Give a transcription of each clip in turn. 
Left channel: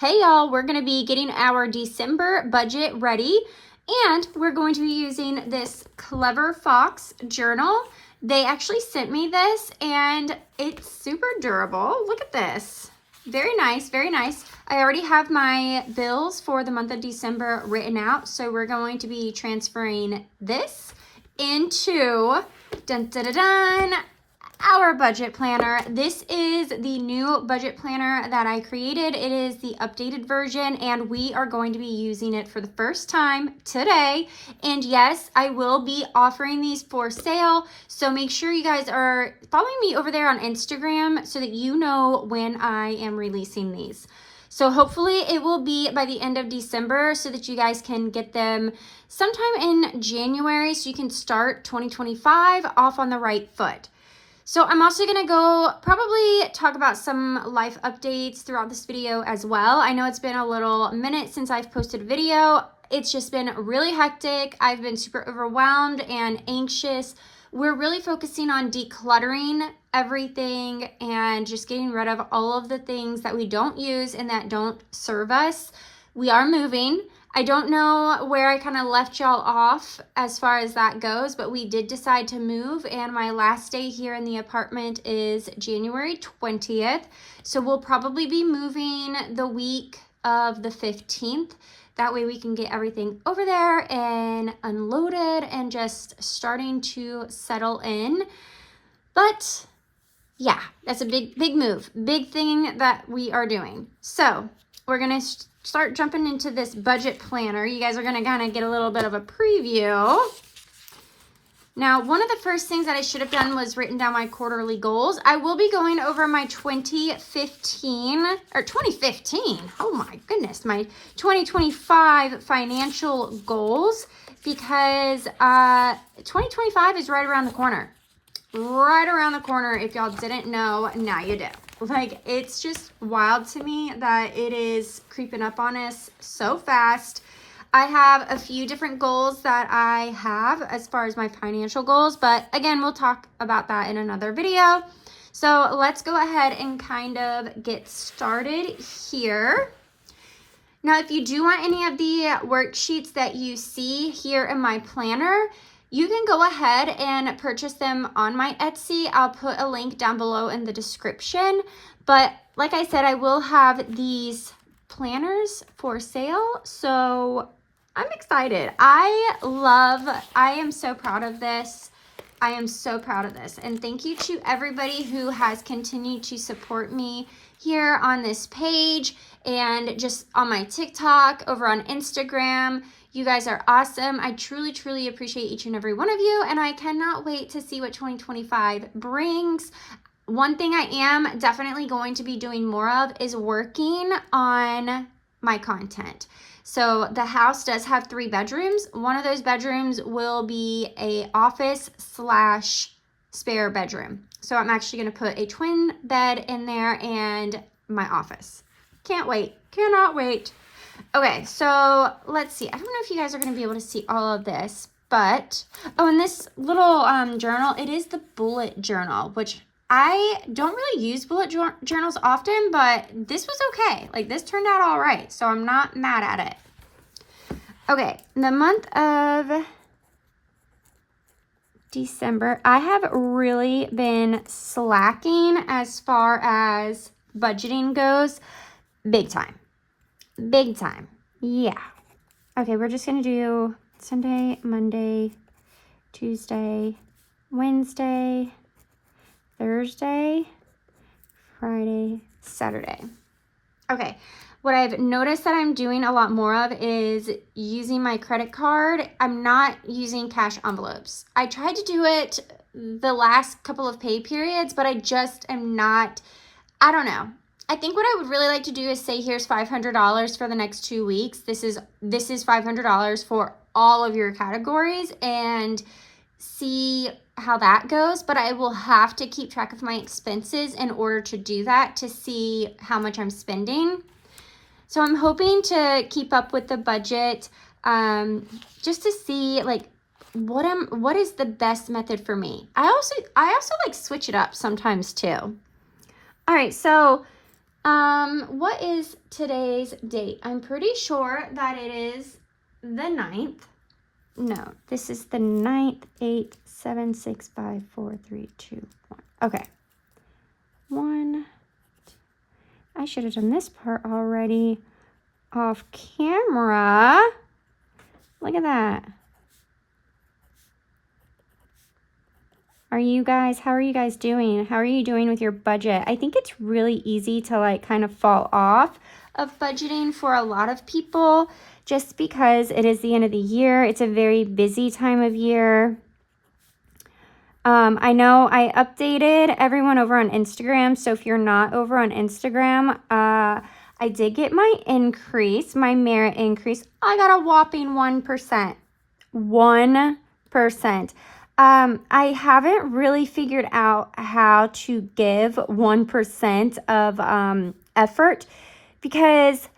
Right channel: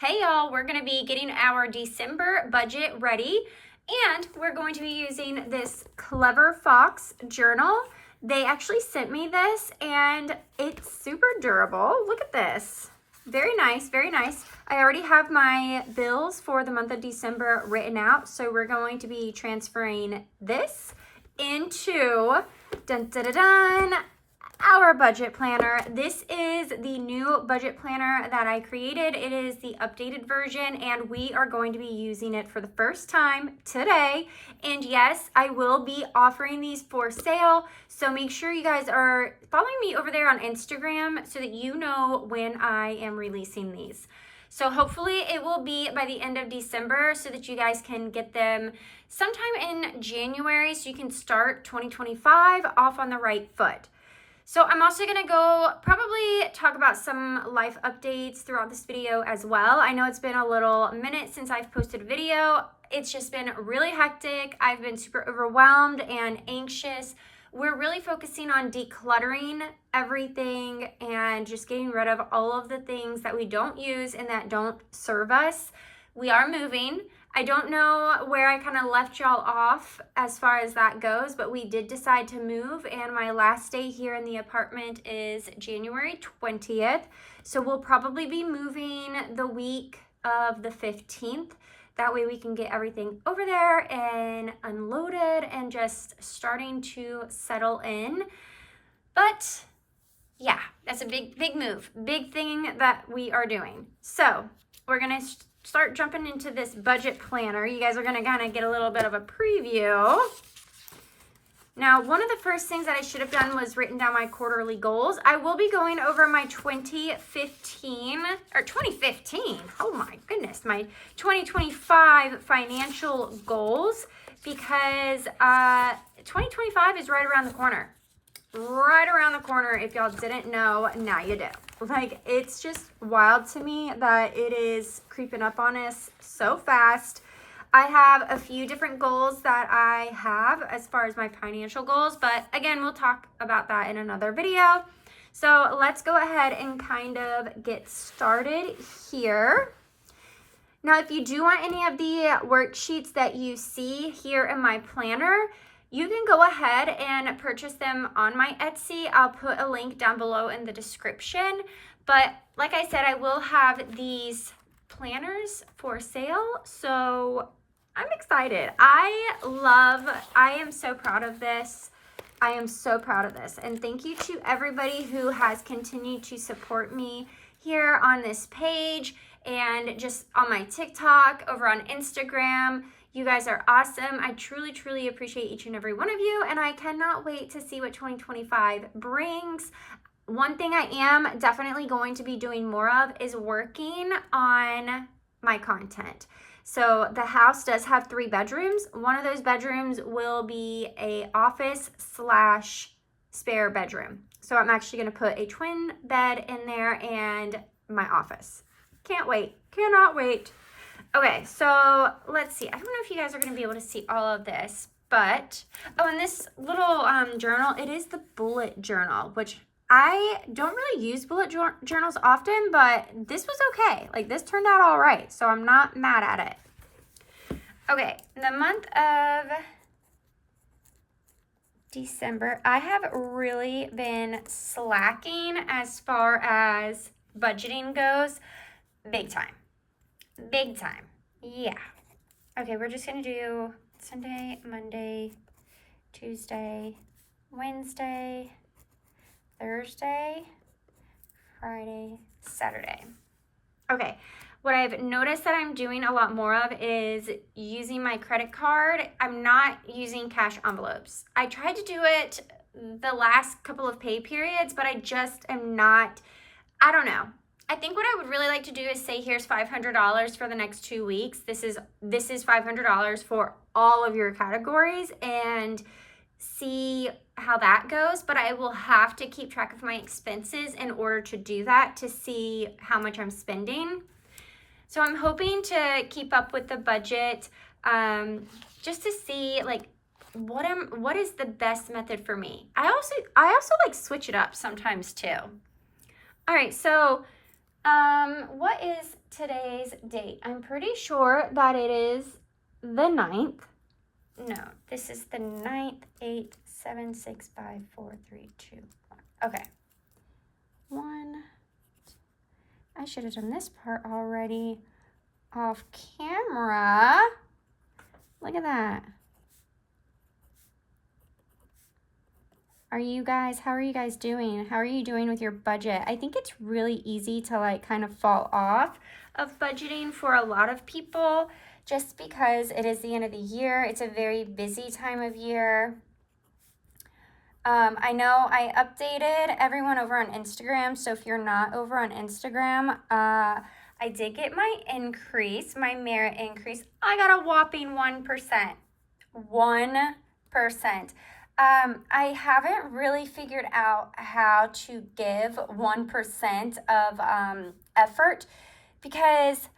Hey y'all, we're going to be getting our December budget ready, and we're going to be using this Clever Fox journal. They actually sent me this and it's super durable. Look at this. Very nice, very nice. I already have my bills for the month of December written out, so we're going to be transferring this into our budget planner. This is the new budget planner that I created. It is the updated version, and we are going to be using it for the first time today. And yes, I will be offering these for sale, so make sure you guys are following me over there on Instagram so that you know when I am releasing these. So hopefully it will be by the end of December so that you guys can get them sometime in January so you can start 2025 off on the right foot. So I'm also going to go probably talk about some life updates throughout this video as well. I know it's been a little minute since I've posted a video. It's just been really hectic. I've been super overwhelmed and anxious. We're really focusing on decluttering everything and just getting rid of all of the things that we don't use and that don't serve us. We are moving. I don't know where I kind of left y'all off as far as that goes, but we did decide to move, and my last day here in the apartment is January 20th. So we'll probably be moving the week of the 15th. That way we can get everything over there and unloaded and just starting to settle in. But yeah, that's a big move, big thing that we are doing. So we're going to start jumping into this budget planner. You guys are going to kind of get a little bit of a preview. Now, one of the first things that I should have done was written down my quarterly goals. I will be going over my 2015, oh my goodness, my 2025 financial goals, because 2025 is right around the corner. Right around the corner. If y'all didn't know, now you do. Like, it's just wild to me that it is creeping up on us so fast. I have a few different goals that I have as far as my financial goals, but again, we'll talk about that in another video. So let's go ahead and kind of get started here. Now, if you do want any of the worksheets that you see here in my planner, you can go ahead and purchase them on my Etsy. I'll put a link down below in the description. But like I said, I will have these planners for sale. So I'm excited. I am so proud of this. I am so proud of this. And thank you to everybody who has continued to support me here on this page and just on my TikTok, over on Instagram. You guys are awesome. I truly appreciate each and every one of you, and I cannot wait to see what 2025 brings. One thing I am definitely going to be doing more of is working on my content. So the house does have 3 bedrooms. One of those bedrooms will be a office / spare bedroom. So I'm actually going to put a twin bed in there and my office. Can't wait. Cannot wait. Okay, so let's see. I don't know if you guys are going to be able to see all of this, but, oh, and this little journal, it is the bullet journal, which I don't really use bullet journals often, but this was okay. Like, this turned out all right, so I'm not mad at it. Okay, the month of December, I have really been slacking as far as budgeting goes. Big time. Big time. Yeah. Okay, we're just going to do Sunday, Monday, Tuesday, Wednesday, Thursday, Friday, Saturday. Okay, what I've noticed that I'm doing a lot more of is using my credit card. I'm not using cash envelopes. I tried to do it the last couple of pay periods, but I just am not, I don't know. I think what I would really like to do is say, here's $500 for the next 2 weeks. This is $500 for all of your categories, and see how that goes. But I will have to keep track of my expenses in order to do that, to see how much I'm spending. So I'm hoping to keep up with the budget, just to see like what is the best method for me. I also like switch it up sometimes too. All right, so What is today's date? I'm pretty sure that it is the 9th. No, this is the 9th, 8th, 7, 6, 5, 4, 3, 2, 1. Okay. 1. I should have done this part already off camera. Look at that. How are you guys doing? How are you doing with your budget? I think it's really easy to like kind of fall off of budgeting for a lot of people just because it is the end of the year. It's a very busy time of year. I know I updated everyone over on Instagram. So if you're not over on Instagram, I did get my increase, my merit increase. I got a whopping 1%. 1%. I haven't really figured out how to give 1% of effort because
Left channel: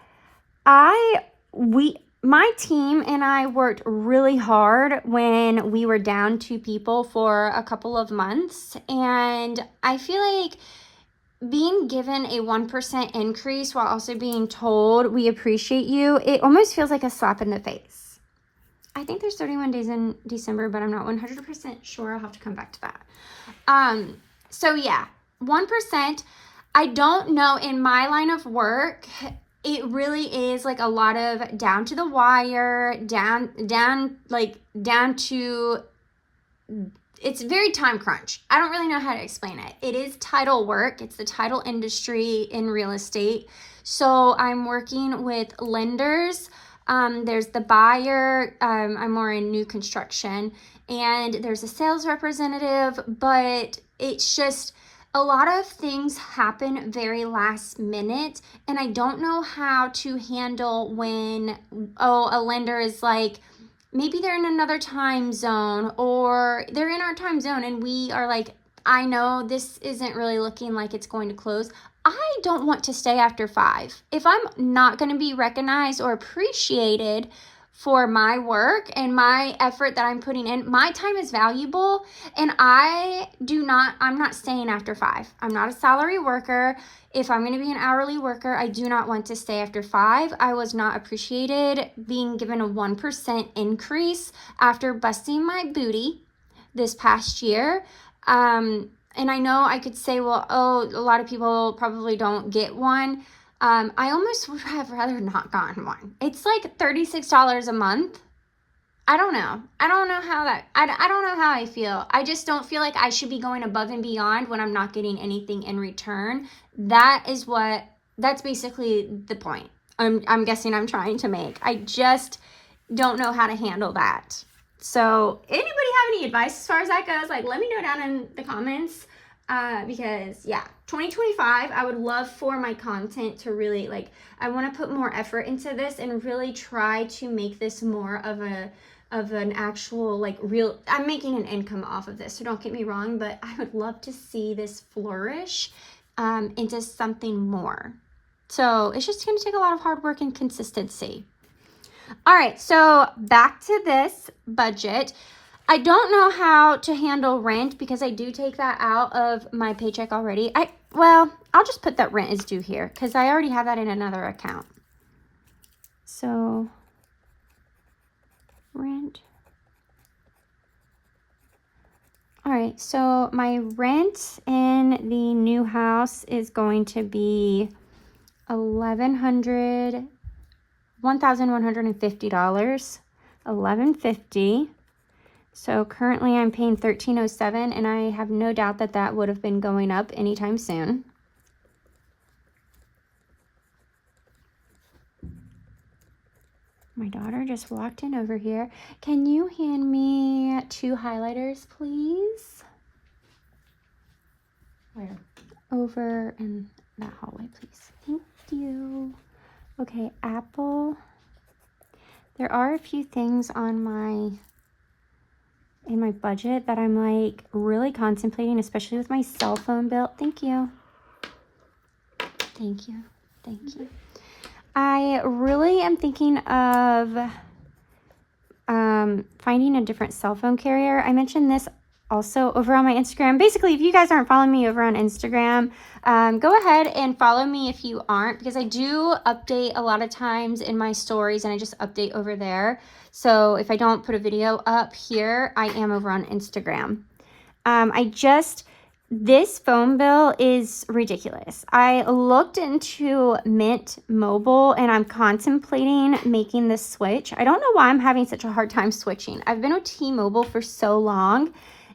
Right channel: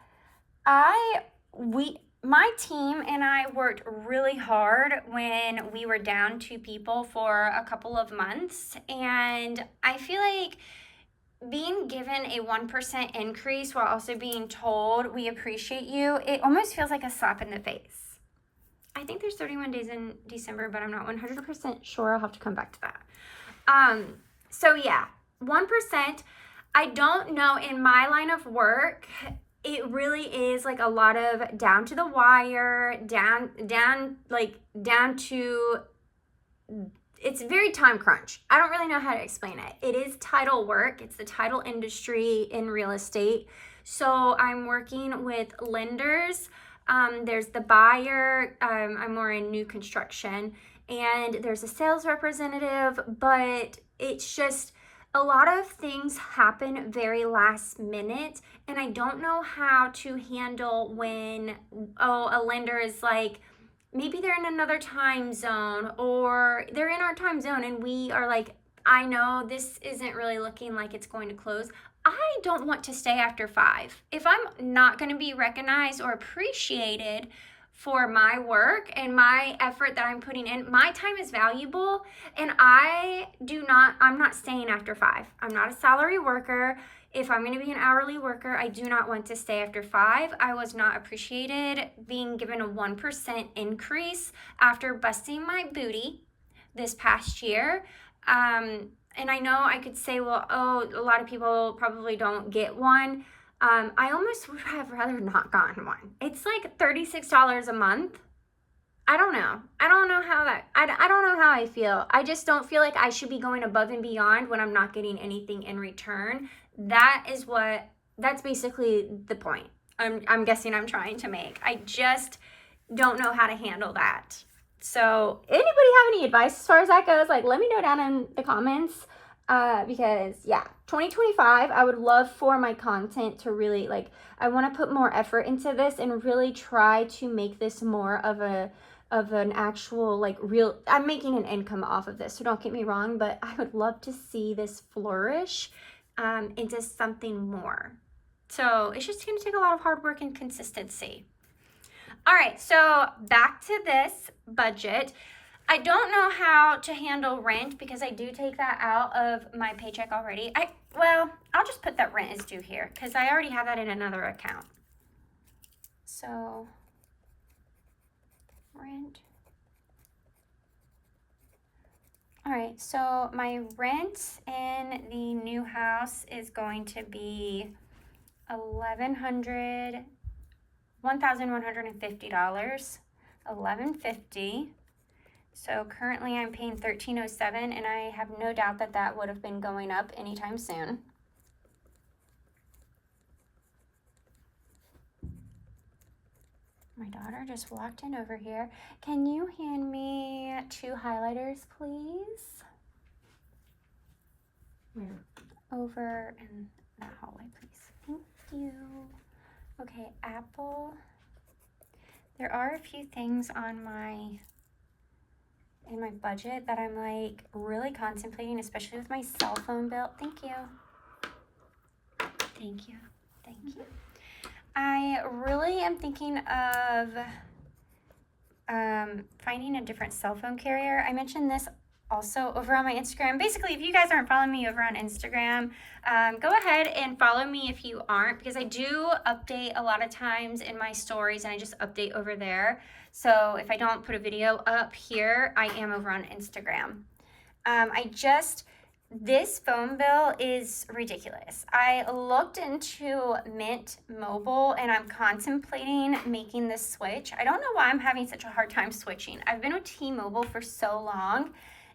my team and I worked really hard when we were down 2 people for a couple of months, and I feel like being given a 1% increase while also being told we appreciate you, it almost feels like a slap in the face. I think there's 31 days in December, but I'm not 100% sure. I'll have to come back to that. So yeah, 1%. I don't know, in my line of work, it really is like a lot of down to the wire, down to, it's very time crunch. I don't really know how to explain it. It is title work. It's the title industry in real estate. So I'm working with lenders. There's the buyer. I'm more in new construction, and there's a sales representative, but it's just a lot of things happen very last minute, and I don't know how to handle when, a lender is like, maybe they're in another time zone, or they're in our time zone and we are like, I know this isn't really looking like it's going to close. I don't want to stay after 5. If I'm not going to be recognized or appreciated for my work and my effort that I'm putting in, my time is valuable, and I'm not staying after 5. I'm not a salary worker. If I'm going to be an hourly worker, I do not want to stay after 5. I was not appreciated being given a 1% increase after busting my booty this past year. And I know I could say, well, a lot of people probably don't get one. I almost would have rather not gotten one. It's like $36 a month. I don't know. I don't know how I feel. I just don't feel like I should be going above and beyond when I'm not getting anything in return. That's basically the point I'm guessing I'm trying to make. I just don't know how to handle that. So anybody have any advice as far as that goes? Like, let me know down in the comments. Because yeah, 2025, I would love for my content to really, like, I want to put more effort into this and really try to make this more of an actual, like, real, I'm making an income off of this, so don't get me wrong, but I would love to see this flourish into something more. So it's just going to take a lot of hard work and consistency. All right, so back to this budget. I don't know how to handle rent because I do take that out of my paycheck already. I'll just put that rent is due here because I already have that in another account. So, rent. All right, so my rent in the new house is going to be $1,150. $1,150. So currently I'm paying $1,307, and I have no doubt that that would have been going up anytime soon. My daughter just walked in over here. Can you hand me 2 highlighters, please? Where? Over in the hallway, please. Thank you. Okay, Apple. There are a few things on in my budget that I'm like really contemplating, especially with my cell phone bill. Thank you. Thank you. Thank you. I really am thinking of finding a different cell phone carrier. I mentioned this also over on my Instagram. Basically, if you guys aren't following me over on Instagram, go ahead and follow me if you aren't, because I do update a lot of times in my stories, and I just update over there. So if I don't put a video up here, I am over on Instagram. This phone bill is ridiculous. I looked into Mint Mobile and I'm contemplating making the switch. I don't know why I'm having such a hard time switching. I've been with T-Mobile for so long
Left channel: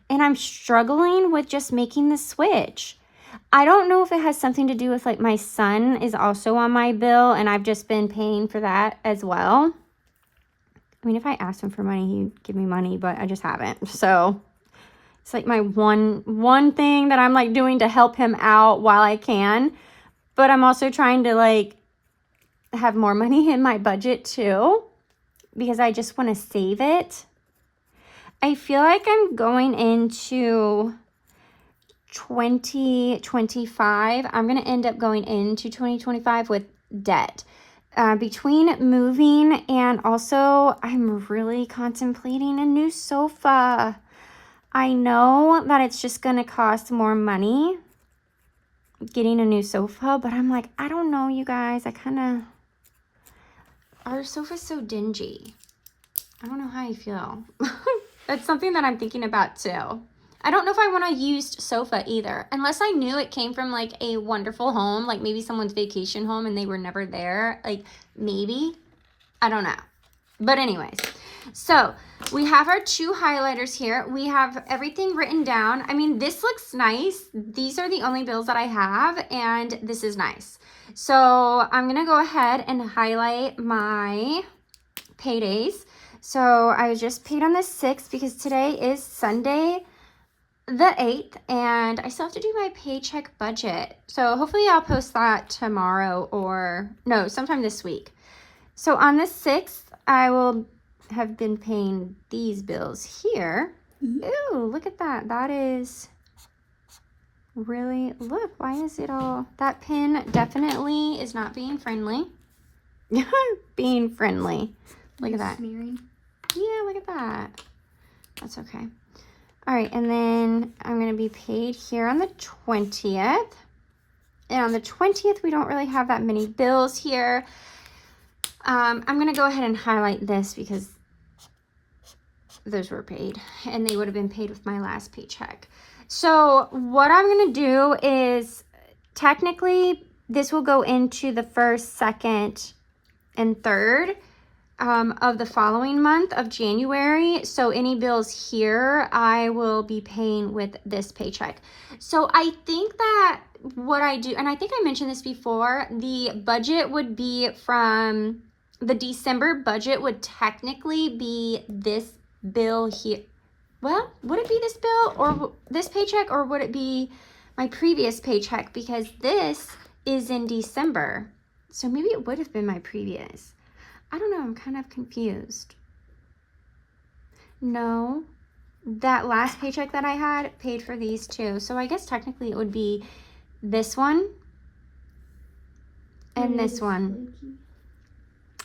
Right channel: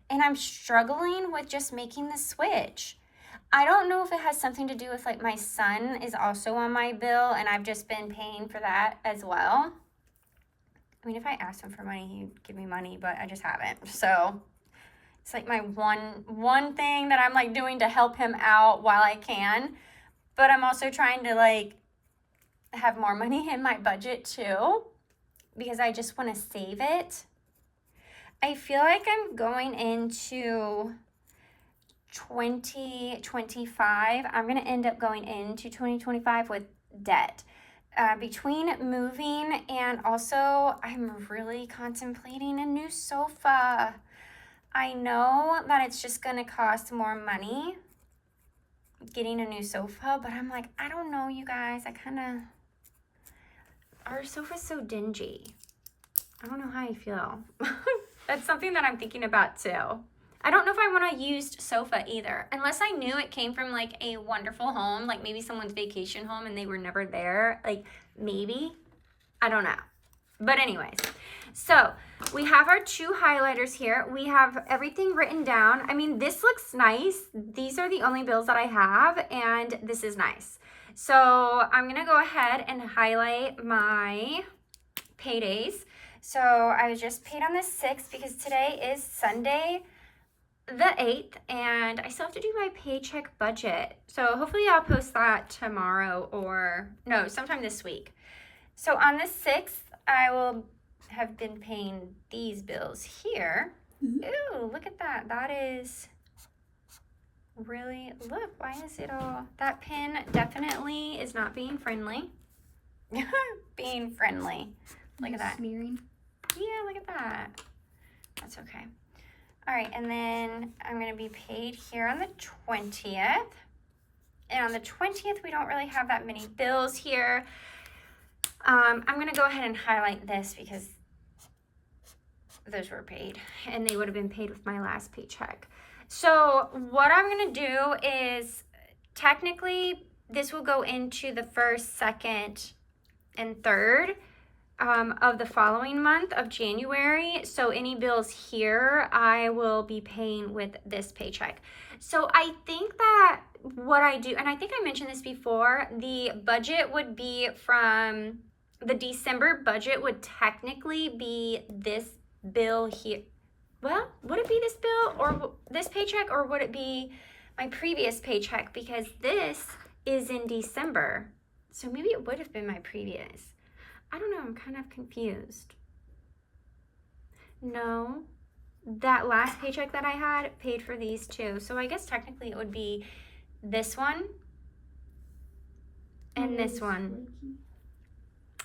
and I'm struggling with just making the switch. I don't know if it has something to do with like my son is also on my bill and I've just been paying for that as well. I mean, if I asked him for money, he'd give me money, but I just haven't. So it's like my one thing that I'm like doing to help him out while I can. But I'm also trying to like have more money in my budget too, because I just want to save it. I feel like I'm going into 2025. I'm going to end up going into 2025 with debt. Between moving and also I'm really contemplating a new sofa. I know that it's just going to cost more money getting a new sofa, but I'm like, I don't know, you guys. Our sofa's so dingy. I don't know how you feel. That's something that I'm thinking about too. I don't know if I want a used sofa either, unless I knew it came from like a wonderful home, like maybe someone's vacation home and they were never there. Like maybe, I don't know. But anyways, so we have our 2 highlighters here. We have everything written down. I mean, this looks nice. These are the only bills that I have, and this is nice. So I'm going to go ahead and highlight my paydays. So I was just paid on the 6th because today is Sunday the 8th, and I still have to do my paycheck budget. So hopefully I'll post that tomorrow or no, sometime this week. So on the 6th, I will have been paying these bills here. Ooh, look at that. That is really, look, why is it all, that pin definitely is not being friendly. Being friendly. Look at that. Smearing. Yeah, look at that. That's okay. All right, and then I'm going to be paid here on the 20th. And on the 20th, we don't really have that many bills here. I'm going to go ahead and highlight this because those were paid and they would have been paid with my last paycheck. So what I'm going to do is technically this will go into the 1st, 2nd, and 3rd of the following month of January. So any bills here I will be paying with this paycheck. So I think that what I do, and I think I mentioned this before, the budget would be from the December budget would technically be this bill here. Well, would it be this bill or this paycheck, or would it be my previous paycheck? Because this is in December. So maybe it would have been my previous. I don't know. I'm kind of confused. No, that last paycheck that I had paid for these 2. So I guess technically it would be this one and this one.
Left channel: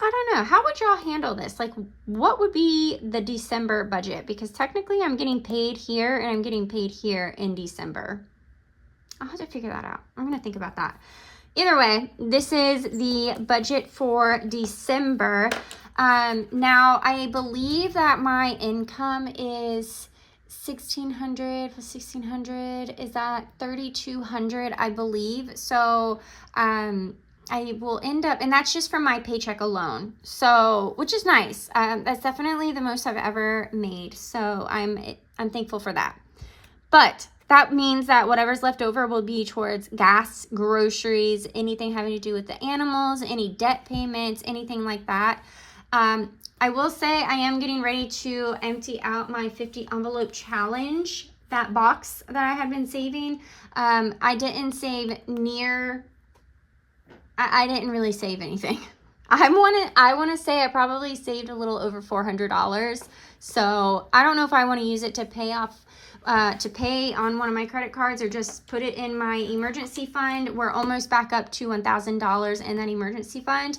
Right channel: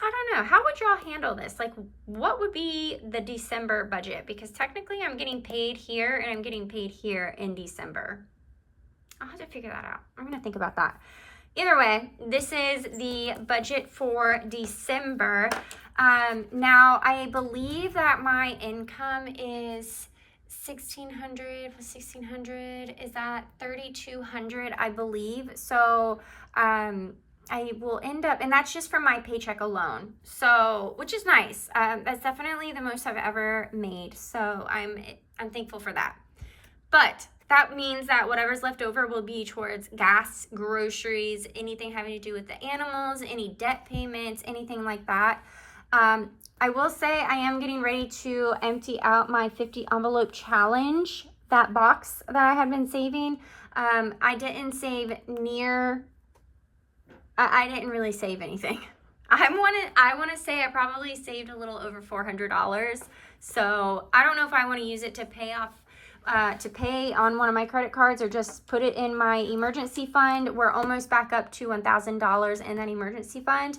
I don't know. How would y'all handle this? Like, what would be the December budget? Because technically I'm getting paid here and I'm getting paid here in December. I'll have to figure that out. I'm going to think about that. Either way, this is the budget for December. Now, I believe that my income is $1,600 plus $1,600. Is that $3,200, I believe. So, I will end up, and that's just from my paycheck alone. So, which is nice. That's definitely the most I've ever made. So I'm thankful for that. But that means that whatever's left over will be towards gas, groceries, anything having to do with the animals, any debt payments, anything like that. I will say I am getting ready to empty out my 50 envelope challenge, that box that I had been saving. I didn't save I didn't really save anything. I want to say I probably saved a little over $400. So I don't know if I want to use it to pay off, to pay on one of my credit cards or just put it in my emergency fund. We're almost back up to $1,000 in that emergency fund.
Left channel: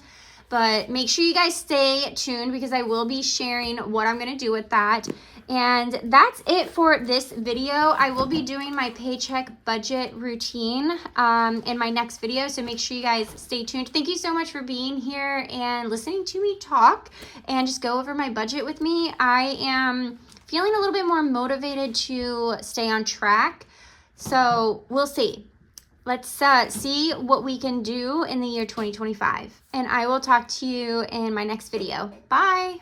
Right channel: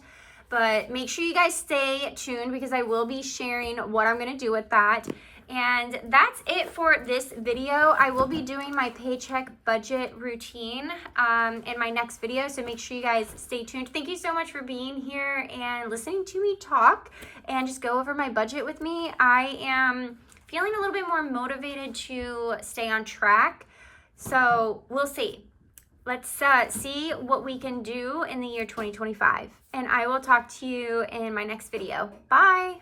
But make sure you guys stay tuned because I will be sharing what I'm going to do with that. And that's it for this video. I will be doing my paycheck budget routine in my next video, so make sure you guys stay tuned. Thank you so much for being here and listening to me talk and just go over my budget with me. I am feeling a little bit more motivated to stay on track, so we'll see. Let's see what we can do in the year 2025, and I will talk to you in my next video. Bye.